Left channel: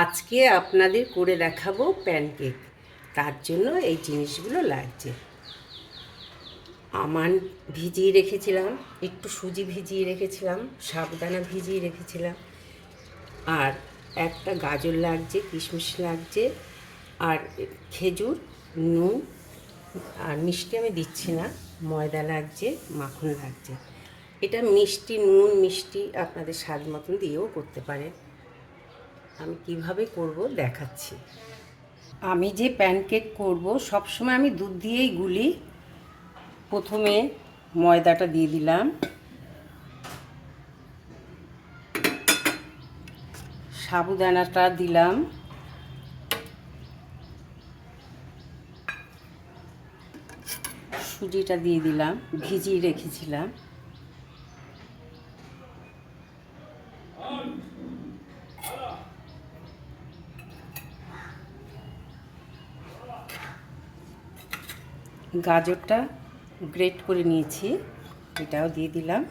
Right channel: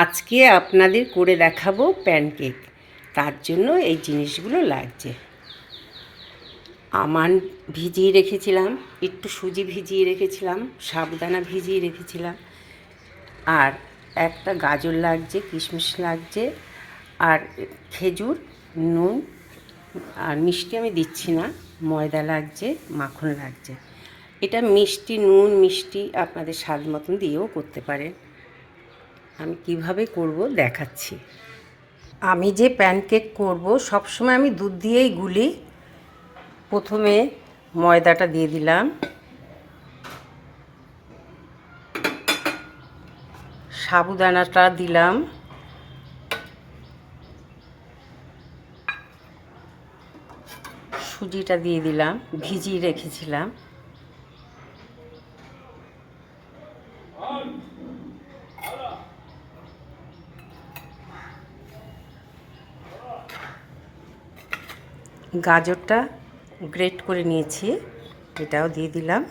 আজকে আপনাদের করে দেখাবো প্যানকেক তার জন্য এই জিনিসগুলো লাগছে। আমান ভিজিয়ে রেখেছিলাম, একটু সুজি ভিজিয়ে রেখেছিলাম, সাবুদানা ভিজিয়ে রেখেছিলাম। আর একটা গাজর লাগছে, কিশমিশ লাগছে, আর খেজুর, নুন, আর মিষ্টি আমি দিচ্ছি না, ময়দা লাগছে, মাখন লাগছে। এটা মিষ্টি, নুন, মিষ্টি আপনাদের স্বাদ মতন দিয়েও করতে পারেন। আমি কীভাবে করব দেখাচ্ছি। আমি যে প্যানকেক করব, সবসময় আমি দুধ দিয়েই গুলি। প্রথমে ময়দাটা দিয়ে দিলাম। সাবুদানাটা দিলাম। সুজিটা দিয়ে দিলাম, ভিজিয়ে রেখেছিলাম। গাজরটা গ্রেট করে নিয়েছি, এটাও দিয়ে দিলাম।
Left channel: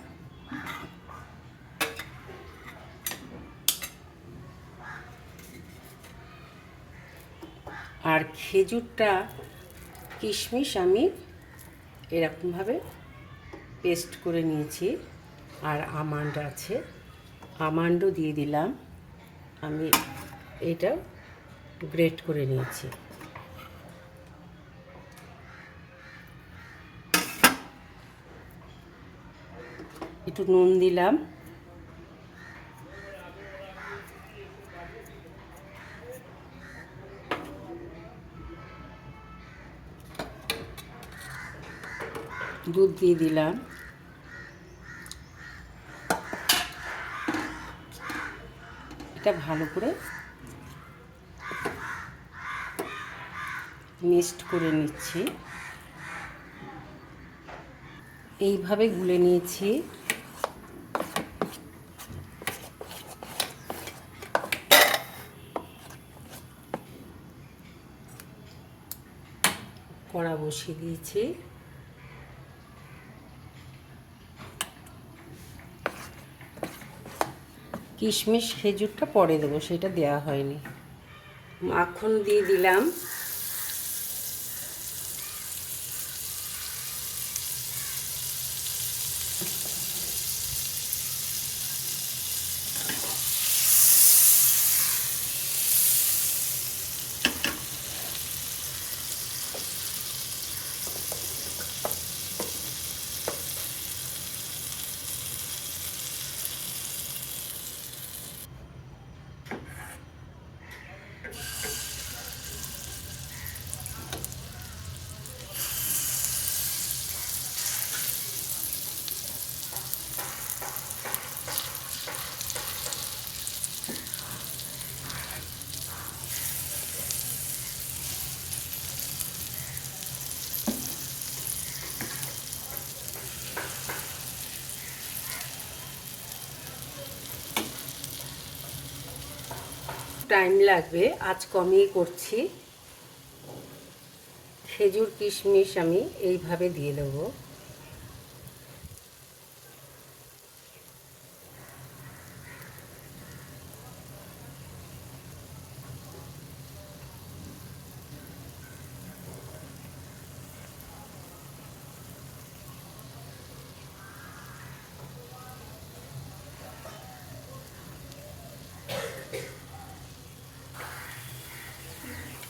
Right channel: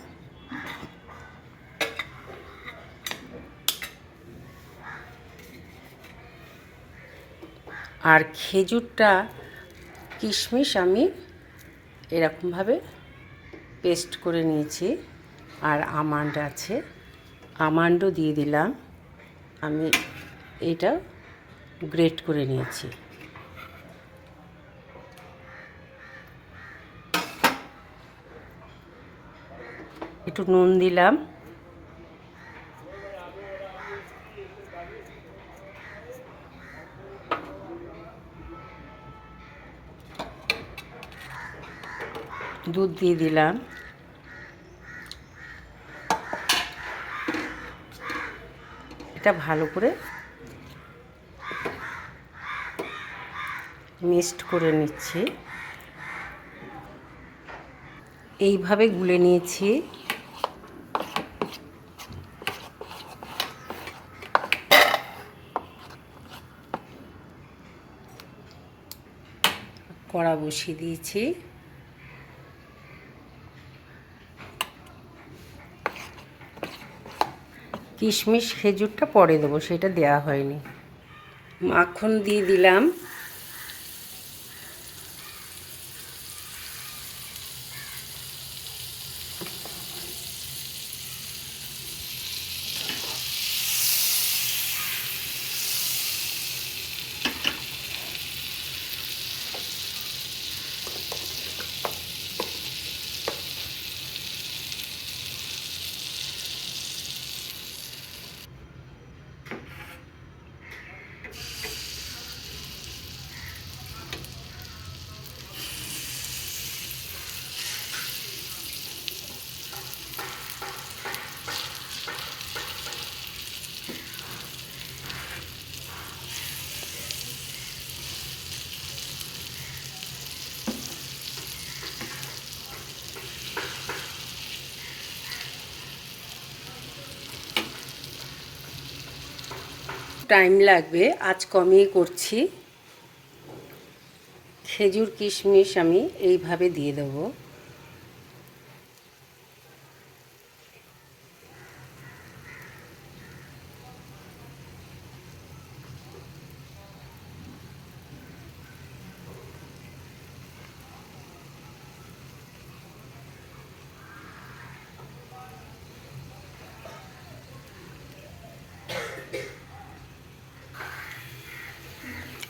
আর খেজুরটা, কিশমিশ আমি এরকমভাবে পেস্ট করে নিয়েছি, আর আমান্ড আছে, আমান্ডও দিয়ে দিলাম। আমি এটা গ্রেট করে নিয়েছি। একটু নুন দিলাম। দুধ দিয়ে দিলাম। এটা ভালো করে মিক্সড করে নিচ্ছি। এইভাবে গুলে নিয়েছি। কড়া বসিয়ে দিয়েছি। কিশমিশ খেজুরটা পরে দেবো সেটা দেয়া হয়নি। মাখন দিয়ে দিলাম। টাইম লাগবে। আজ কমেই করছি। খেজুর কিশমিশ আমি এইভাবে দিয়ে দেবো।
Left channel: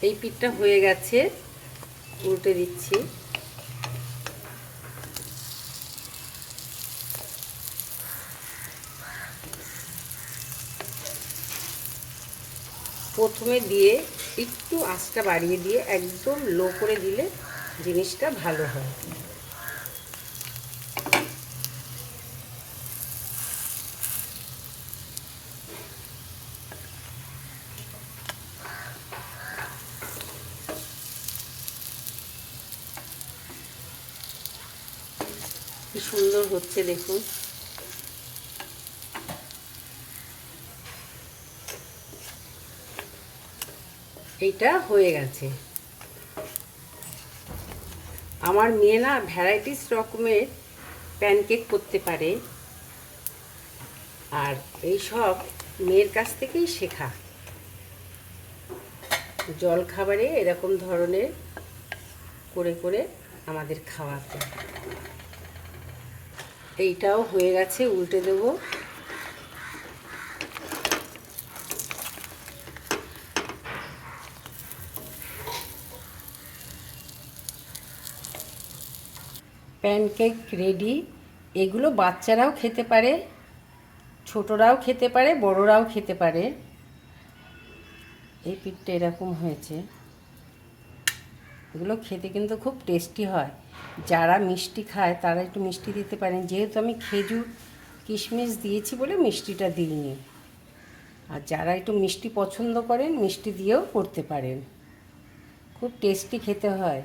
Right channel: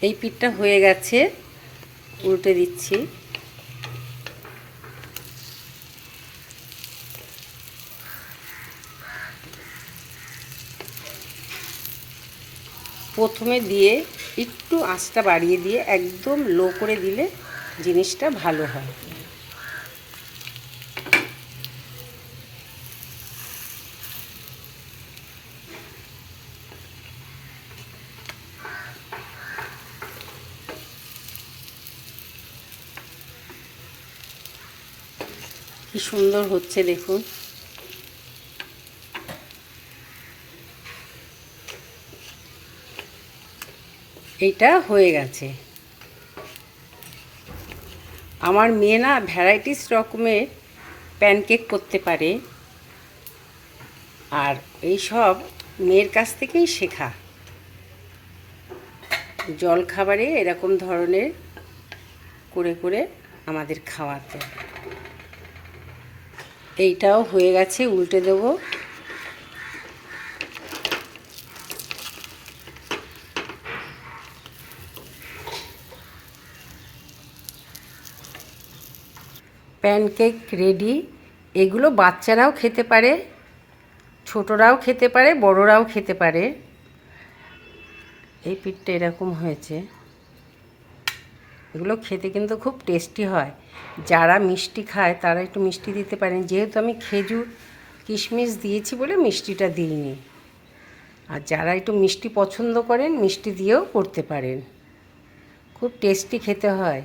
এই পিঠটা হয়ে গেছে। উল্টে দিচ্ছি। প্রথমে দিয়ে একটু আঁচটা বাড়িয়ে দিয়ে একদম লো করে দিলে জিনিসটা ভালো হয়। কি সুন্দর হচ্ছে দেখুন। এইটা হয়ে গেছে। আমার মেয়ে না ভ্যারাইটিস রকমের প্যানকেক করতে পারে। আর এই সব মেয়ের কাছ থেকেই শেখা। জল খাবারে এরকম ধরনের করে করে আমাদের খাওয়াতে। এইটাও হয়ে গেছে, উল্টে দেবো। Pancake ready. এগুলো বাচ্চারাও খেতে পারে, ছোটরাও খেতে পারে, বড়রাও খেতে পারে। এই পিঠটা এরকম হয়েছে। এগুলো খেতে কিন্তু খুব টেস্টি হয়। যারা মিষ্টি খায়, তারা একটু মিষ্টি দিতে পারেন। যেহেতু আমি খেজুর, কিশমিশ দিয়েছি বলে মিষ্টিটা দিইনি। আর যারা একটু মিষ্টি পছন্দ করেন, মিষ্টি দিয়েও করতে পারেন। খুব টেস্টি খেতে হয়।